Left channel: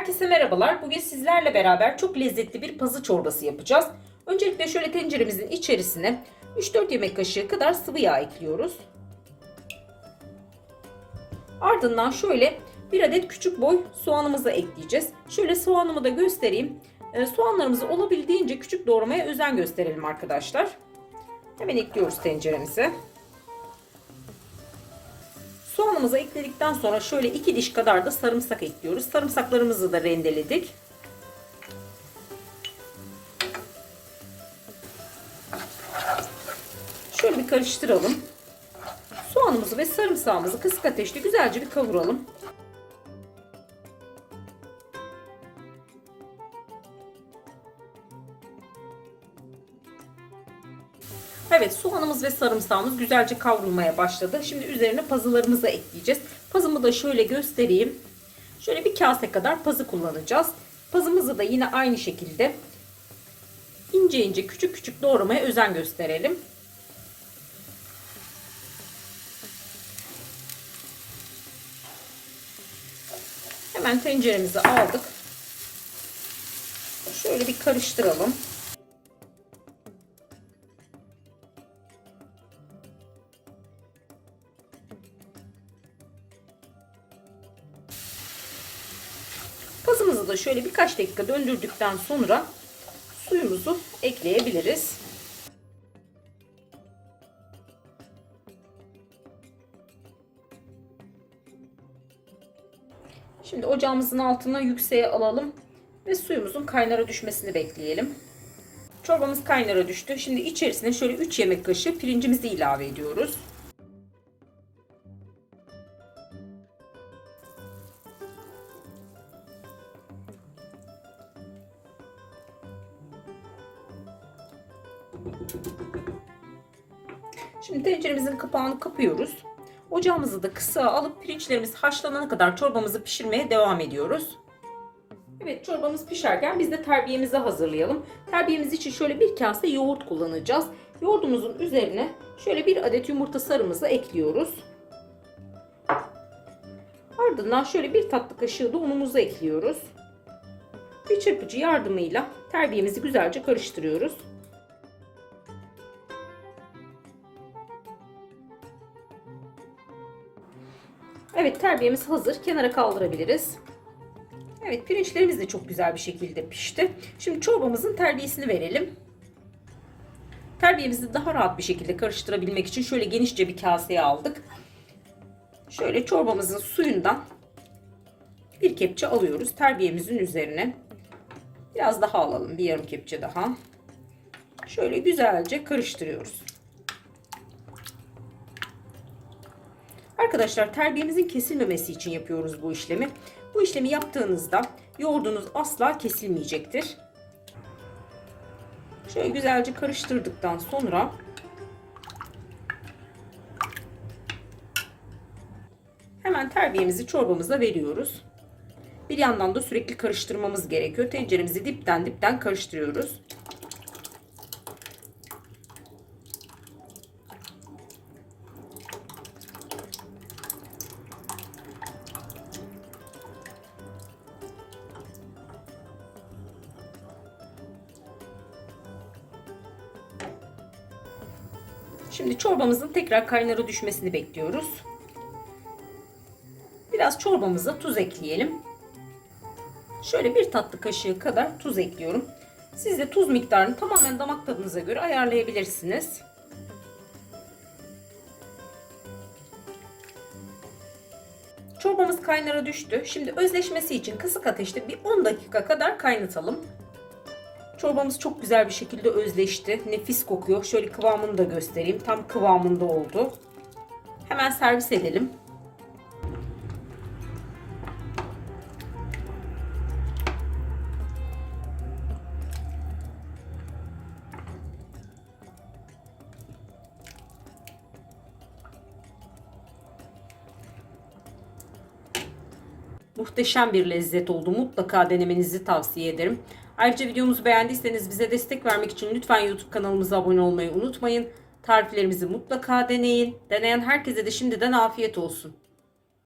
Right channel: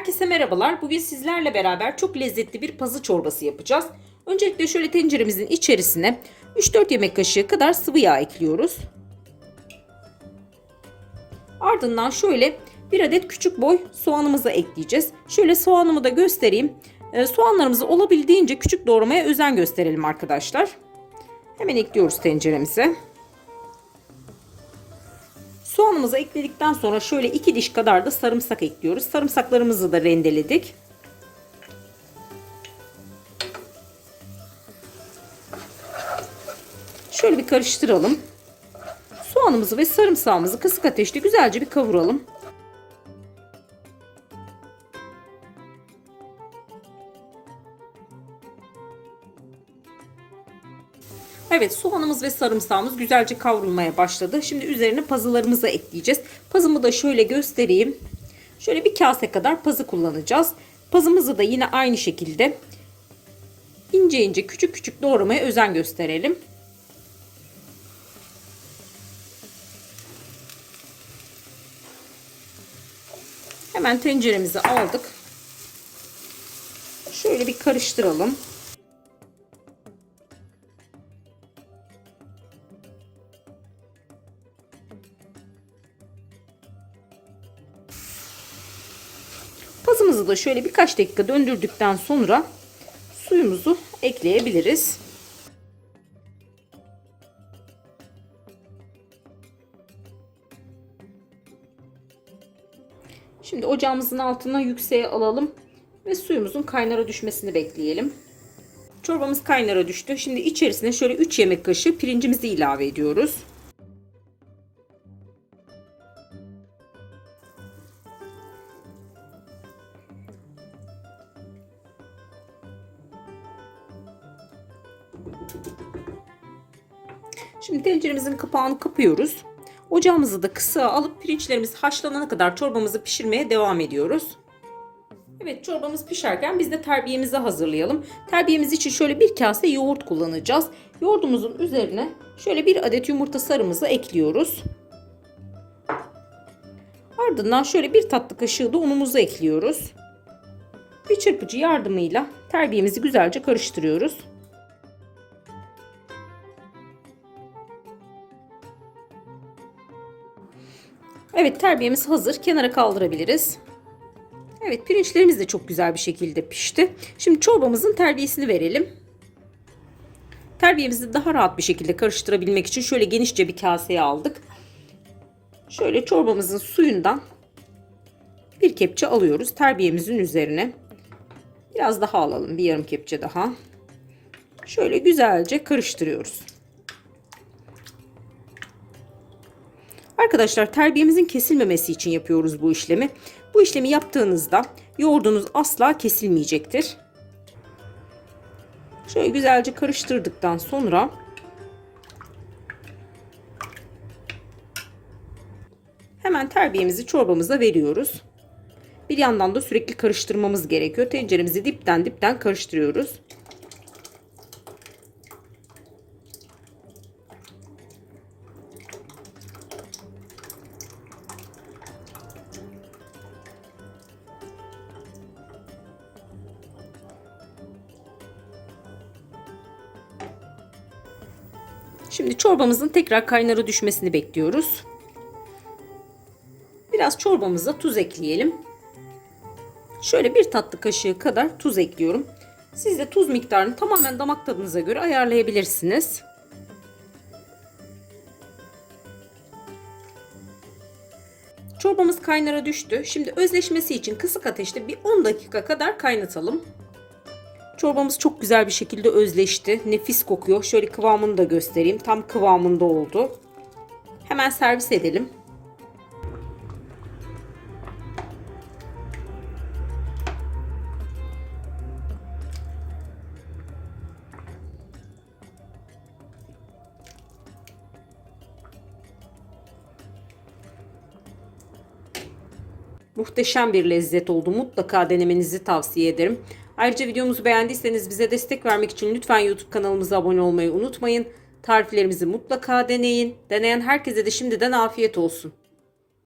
Merhabalar, bugün sizlerle beraber çok lezzetli bir pazı çorbası yapacağız. Öncelikle şöyle tenceremizin içerisine 3-4 yemek kaşığı kadar sıvı yağ ekliyoruz. Ardından şöyle bir adet küçük boy soğanımızı ekleyeceğiz. Şöyle soğanımı da göstereyim. Ee, soğanlarımızı olabildiğince küçük doğramaya özen gösterelim arkadaşlar. Hemen ekliyoruz tenceremize. Soğanımızı ekledikten sonra şöyle 2 diş kadar da sarımsak ekliyoruz. Sarımsaklarımızı da rendeledik. Şöyle bir karıştıralım. Soğanımızı ve sarımsağımızı kısık ateşte güzelce bir kavuralım. Evet soğanımız ve sarımsağımız güzelce kavrulmaya başladı. Şimdi üzerine pazılarımızı ekleyeceğiz. Pazımı da şöyle göstereyim. Şöyle bir kase kadar pazı kullanacağız. Pazımızı da yine aynı şekilde ince ince küçük küçük doğramaya özen gösterelim. Hemen tenceremizi aldık. Şöyle bir karıştıralım. Pazımızı da şöyle birkaç dakika döndürdükten sonra suyumuzu ekleyebiliriz. Şimdi ocağımızın altına yükseğe alalım ve suyumuzun kaynara düşmesini bekleyelim. Çorbamız kaynara düştü. Şimdi içerisine şöyle 3 yemek kaşığı pirincimizi ilave ediyoruz. Şimdi tenceremizin kapağını kapıyoruz. Ocağımızı da kısa alıp pirinçlerimiz haşlanana kadar çorbamızı pişirmeye devam ediyoruz. Evet çorbamız pişerken biz de terbiyemizi hazırlayalım. Terbiyemiz için şöyle bir kase yoğurt kullanacağız. Yoğurdumuzun üzerine şöyle bir adet yumurta sarımızı ekliyoruz. Ardından şöyle bir tatlı kaşığı da unumuzu ekliyoruz. Bir çırpıcı yardımıyla terbiyemizi güzelce karıştırıyoruz. Evet terbiyemiz hazır. Kenara kaldırabiliriz. Evet pirinçlerimiz de çok güzel bir şekilde pişti. Şimdi çorbamızın terbiyesini verelim. Terbiyemizi daha rahat bir şekilde karıştırabilmek için şöyle genişçe bir kaseye aldık. Şöyle çorbamızın suyundan bir kepçe alıyoruz. Terbiyemizin üzerine. Biraz daha alalım. Bir yarım kepçe daha. Şöyle güzelce karıştırıyoruz. Arkadaşlar terbiyemizin kesilmemesi için yapıyoruz bu işlemi. Bu işlemi yaptığınızda yoğurdunuz asla kesilmeyecektir. Şöyle güzelce karıştırdıktan sonra hemen terbiyemizi çorbamıza veriyoruz. Bir yandan da sürekli karıştırmamız gerekiyor. Tenceremizi dipten dipten karıştırıyoruz. Şimdi çorbamızın tekrar kaynara düşmesini bekliyoruz. Biraz çorbamıza tuz ekleyelim. Şöyle bir tatlı kaşığı kadar tuz ekliyorum. Siz de tuz miktarını tamamen damak tadınıza göre ayarlayabilirsiniz. Çorbamız kaynara düştü. Şimdi özleşmesi için kısık ateşte bir 10 dakika kadar kaynatalım. Çorbamız çok güzel bir şekilde özleşti. Nefis kokuyor. Şöyle kıvamını da göstereyim. Tam kıvamında oldu. Hemen servis edelim. Muhteşem bir lezzet oldu. Mutlaka denemenizi tavsiye ederim. Ayrıca videomuzu beğendiyseniz bize destek vermek için lütfen YouTube kanalımıza abone olmayı unutmayın. Tariflerimizi mutlaka deneyin. Deneyen herkese de şimdiden afiyet olsun.